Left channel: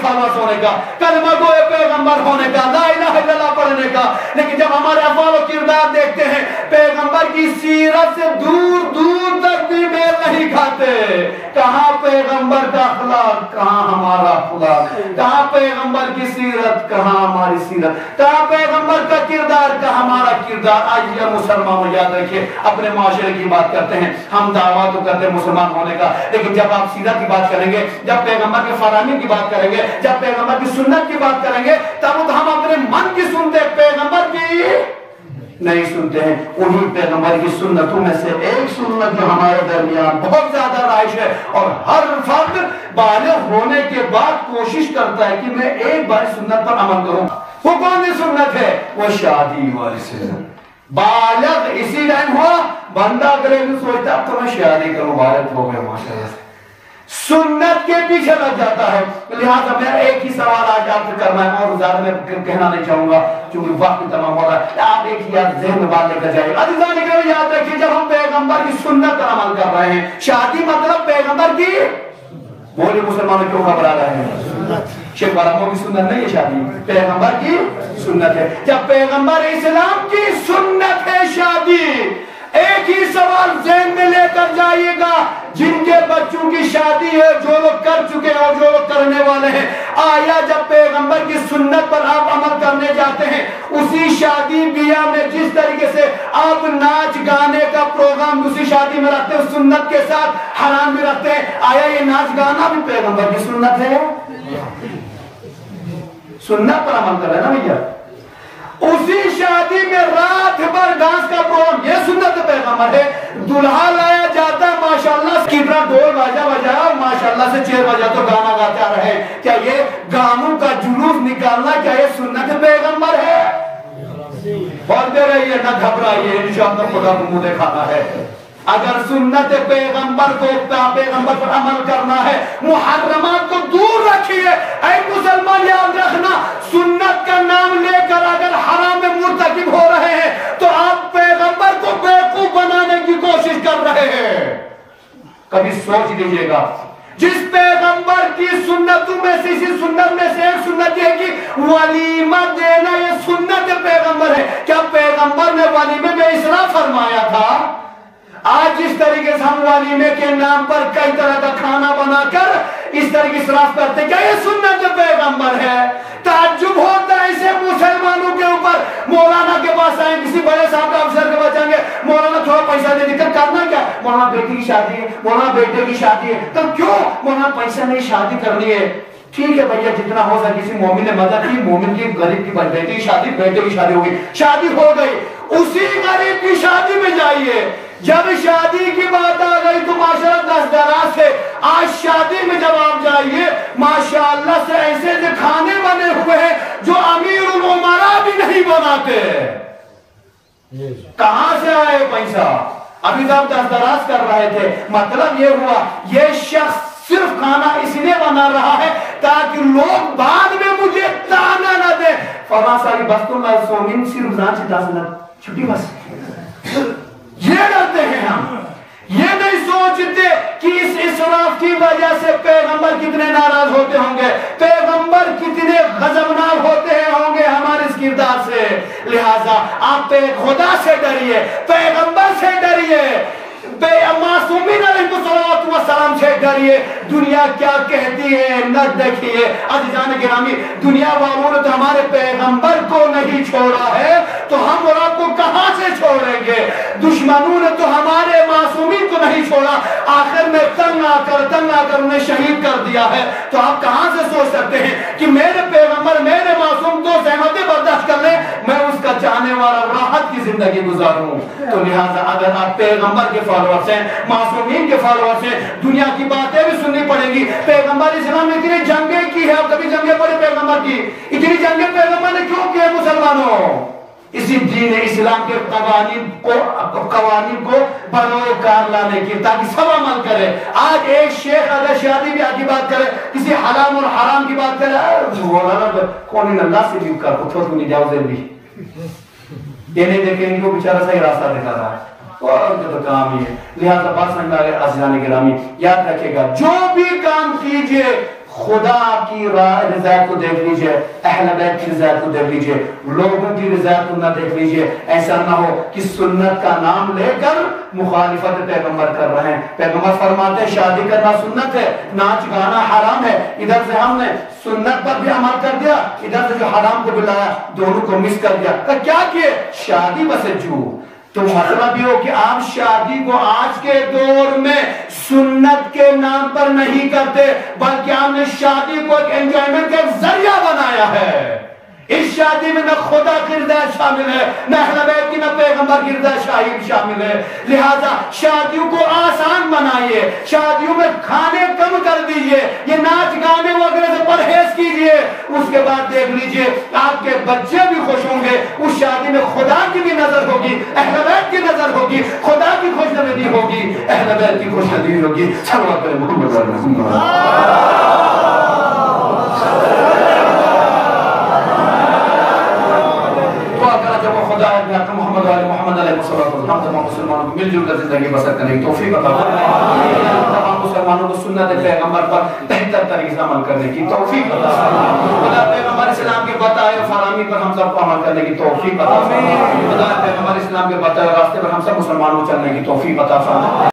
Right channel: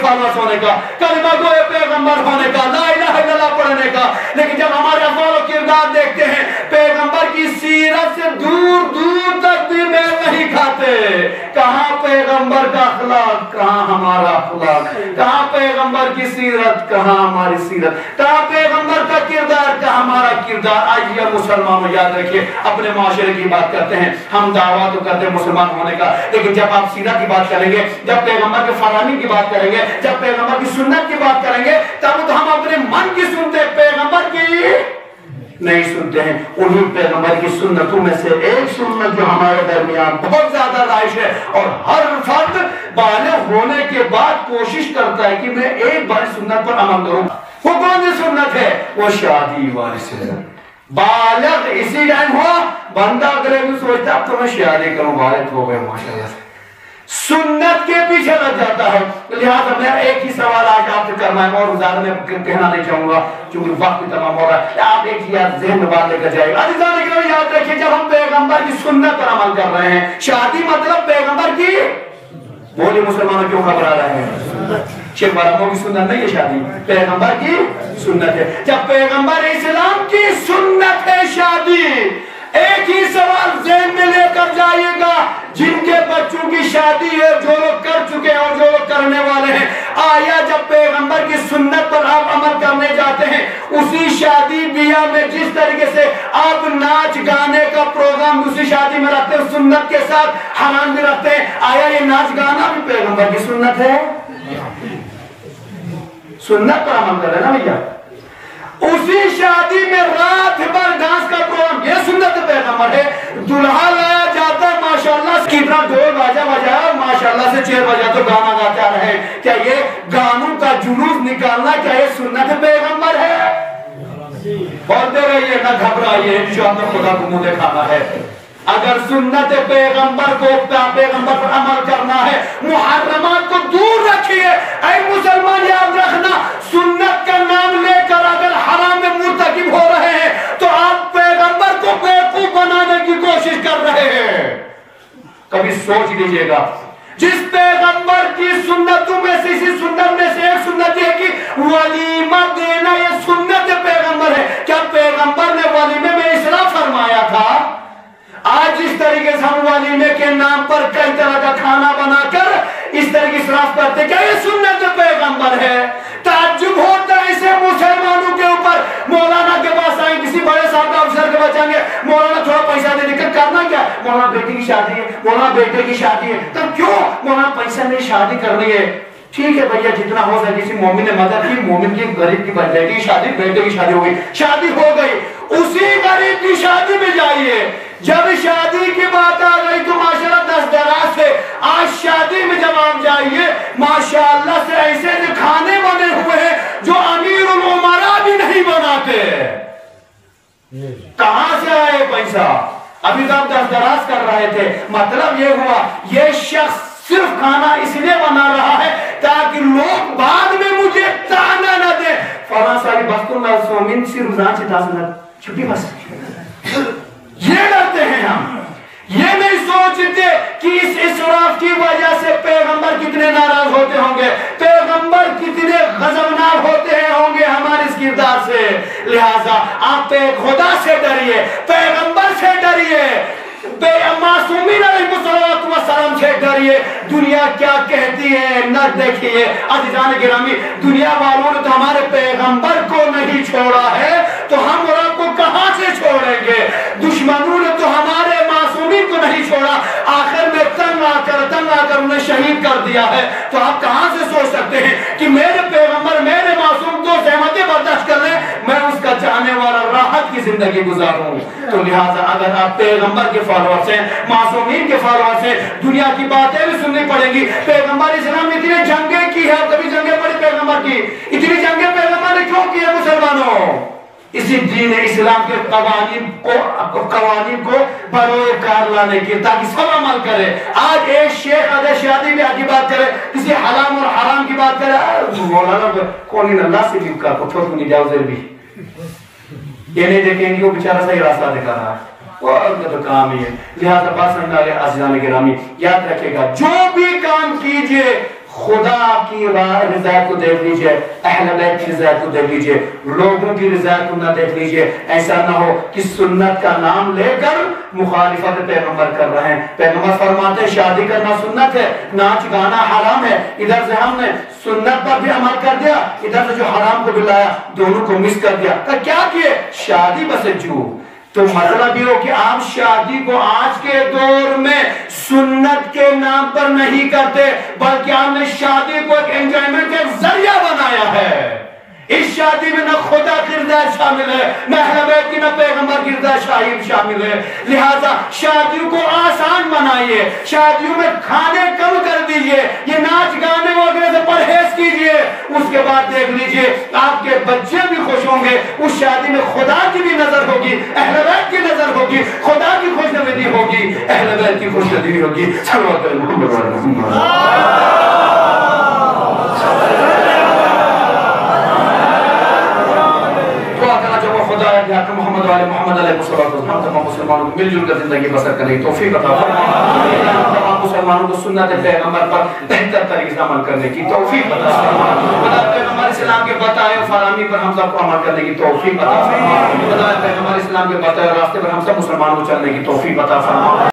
Followers होने का, कलमा गोए पैगंबर होने का, ला इलाहा इल्लल्लाह पढ़ने का। लेकिन जब हमारे अफ़आल और किरदार देखते हैं पैगंबर की सीरत से दूर दूर तक भी मेल नहीं खाते। कहाँ पैगंबर का अखलाक, कहाँ हमारा अखलाक, कहाँ पैगंबर की सीरत, कहाँ हमारी सीरत, कहाँ पैगंबर का किरदार, कहाँ हमारा किरदार। आइए मुसलमानों याद रखिए, अपने माशरे की बात करते हैं, हम दावा तो करते हैं मुसलमान होने का, लेकिन जब आप सीरत की बात करेंगे, जब पैगंबर के फरामी की बात करेंगे, जब पैगंबर की सुन्नत की बात करेंगे, तब तो हम अपने मन की सुनते हैं, पैगंबर की नहीं सुनते हैं। उन्हीं पैगंबर की सुन्नतों में से एक सुन्नत जो हमारे दरमियान बहुत ज्यादा राइश है और हर फर्द बालिग होने के बाद कोशिश करता है कि मैं एक बार सुन्नत पर अमल करूं। वो कौन सी सुन्नत है? वो शादी वाली सुन्नत। बालिग इसी टाइम हुआ, बंदा अगले दिन सोचता अब तो मैं शादी करूं, बालिग हो गए माशाअल्लाह से, सुन्नत के पीछे लग जाता है। लिहाजा मैं एक ही सवाल आज आपसे करना है और ज्यादा मैं कहना नहीं चाहूंगा क्योंकि वक्त तमाम हो रहा है। आप एक याद ज़हन में बात लेकर जाइए, अज़ीज़ान इकराम याद रखिए, जब हम पैगंबर की सुन्नत पर अमल कर रहे हैं, शादी मतलब पैगंबर की, बोले मुसलमानों क्यों घबरा रहे हैं? शेख वारामो की सुन्नत नहीं है शादी, पैगंबर की सुन्नत है। जब पैगंबर इस्लाम की सुन्नत है शादी, एक ही सवाल ज़हन में लेकर जाइएगा, जिनके बच्चों की शादी है, जो लोग कर चुके हैं और जो लोग करने वाले हैं, आया जब पैगंबर की सुन्नत पर आप अमल करने जाते हैं, उसी शादी बियाह में जिस तरीके से आप नाच गाने का प्रोग्राम उसी शादी में रखते हैं, सुन्नत के साथ हराम भी रखते हैं, आया ये नाच गाना भी पैगंबर की सुन्नत है? सुन्नत पर अमल कर रहे ना भैया। उसी शादी में रात भर डांस का प्रोग्राम, ये सुन्नत पैगंबर है। दुल्हा लाया जाता है, माशाल्लाह कितना ढोल बाजा बजाया, माशाल्लाह से 6 बजे तो गाना गाते आ रहे हैं, क्या ये गानों का जुलूस निकालना, क्या ये सुन्नत पैगंबर है? बोलते रहिए, ना घबराइए, इंशाअल्लाह खुदा को मुंह दिखाना है। अगर सुन्नत पैगंबर को, पैगंबर पर अमल करना है, मुहर्रमात को दूर रखिए। ऐ मुसलमान याद रखना, सुन्नत का नाम लेकर अगर हराम में मुर्तकिब हो रहे हैं तो आप पैगंबर को बेवकूफ बनाने की कोशिश कर रहे हैं। कभी सोच लीजिएगा, जिस पैगंबर की सुन्नतों में से, इसी सुन्नत में से एक सुन्नत है कि वलीमा देना, ये सुन्नत पैगंबर है। क्या पैगंबर ने वलीमे में इसराफ फरमाया था? आज जिस तरीके से हम वलीमे के नाम पर कई तरह का खाना बनाकर इस तरह की इसराफ करते, क्या ये सुन्नत पैगंबर है? ताज्जुब होता है इसे मुसलमानों के ऊपर। मौलाना के पास आए, किसी बड़े साहब अफसर के पास जाएंगे, मौलाना थोड़ा पैसा दे देकर करना क्या? मौलाना बेटी की शादी है, मौलाना बेटे की शादी है, तो क्यों मौलाना पैसा नहीं, शादी करनी है। ठीक है भैया, जितना हो सके, किसी मोमिन ने मदद की, मोमिन की गरीब की बेटी की शादी, बेटे की शादी हो गई, शादी हो गई, उसी गरीब की शादी में जाइए। जब शादी की बात आ गई तो माशाअल्लाह 10 दराज से, आज शादी में जब आप जाइए, माशाअल्लाह से ऐसे खाने बने हुए हैं जो अमीरुल उमरा भी नहीं बनाते। कहां से आए पैसा? अभी तो आप 10 दराज कर रहे थे, मतलब ये हुआ, ये शख्स सिर्फ खाना इसलिए बना रहा है ताकि लोग बाद में मुझे ताना न दे। फरासा की बस को सोमिन सी रमजान से 10 छुट्टी बस, ये डरते हैं हम। ये नहीं सोचते कि इस इसराफ की वजह से पैगंबर कितने नाराज होते होंगे, पैगंबर कितने गजबनाक होते होंगे हमारे इस किरदार से। लिहाजा आप खुदा से डरिए, पैगंबर से डरिए, मासूमीन अलैहिस्सलाम से डरिए। दुनिया क्या कहती है न देखिए। अज़ीज़ान गिरामी, दुनिया वालों ने तो हमारे पैगंबर को नहीं छोड़ा है, तो हम और आपको कहां से छोड़ेंगे? दुश्मनों ने तो हमारे मासूमीन को नहीं छोड़ा, आखिर में तंग आकर उन्हें शहीद कर दिया है। तो आप कहां से सोच सकते हैं कि मेरे पैगंबर, मेरे मासूम को सहमति बर्दाश्त कर ले, मैं उसका चाहने वाला राहत की जिंदगी गुजारूं। तो लिहाजा अगर आप पैगंबर के फॉलोअर्स हैं, मासूमीन के फॉलोअर्स हैं, दुनिया की बातें भी सुननी पड़ेगी। पैगंबर इस्लाम ने इतनी जंगें की है, आप कभी जंगें पड़ी पैगंबर की? इतनी जंगें पैगंबर ने क्यों की है मुसलमानों? इसी दीन इस्लाम के कवानीन को बरोकार लाने की, ताकि सब अमल करे। आज एक शेख अगर शादी ब्याह की बात करे, किसी हलाल और हराम की बात करे, कौन अल्लाह से भी कर को नहीं जाओ भी, ये नहीं देखेंगे वो बेचारा सही रास्ता दिखा रहा है, और तो काम ही है। लिहाजा बात समझ आ रही, अज़ीज़ान गिरामी याद रखेगा, जो भी काम कीजिए خدا کی رضا کو دیکھ لیجئے، اہل بیت کی رضا کو دیکھ لیجئے، لوگوں کی رضا کو نہ دیکھ لیجئے۔ ایسا نہ ہو کہ سنت کا نام لے کر مخالفت پیغمبر کر رہے ہیں۔ پیغمبر فرماتے ہیں شادی کرنا سنت ہے، ناچ گانا حرام ہے، ادھر سے ہم نے سنت پر بھی عمل کر دیا، ادھر سے جو حرام کو بلایا دونوں کو مس کر دیا۔ تو کیا کیے؟ شادی بس جو تو مطلب یہ ہو کہ آپ شادی کو آج کے دور میں سنت کے نام پر نہیں کرتے، بلکہ آپ نے شادی کو ایک انجوائمنٹ کا ذریعہ بنایا ہے۔ اس شادی میں نہ خدا کی رضا شامل ہے، نہ اہل بیت کی، نہ پیغمبر کی رضا شامل ہے۔ لہذا شادیوں کو آسان بنائیے، شادیوں میں کھانے کم کر دیجئے، یہ ناچ گانے وغیرہ سے پرہیز کیجئے۔ اس کے بعد دیکھ لیجئے آپ کے بچے بھی خوش ہوں گے، اس شادی میں خدا کی بھی نظر ہوگی، اہل بیت کی نظر ہوگی، خدا کی خوشنودی ہوگی، اہل بیت کی خوشنودی ہوگی۔ صلوات محمد علیہ محمد۔ محمد علیہ محمد علیہ وسلم ہم تمام مسلمانوں کو مل جل کر زندگی بسر کرنے کی توفیق عطا فرمائے، ہم تمام مسلمانوں کو سنت پیغمبر پر بہتر طریقے سے عمل کرنے کی توفیق عطا فرمائے، خدا پیغمبر اسلام کے بتائے فراہمی پر ہم سب کو عمل کرنے کی توفیق عطا فرمائے، خدا پیغمبر اسلام کے بتائے راستے پر ہم سب مسلمانوں کو چلنے کی توفیق عطا فرمائے۔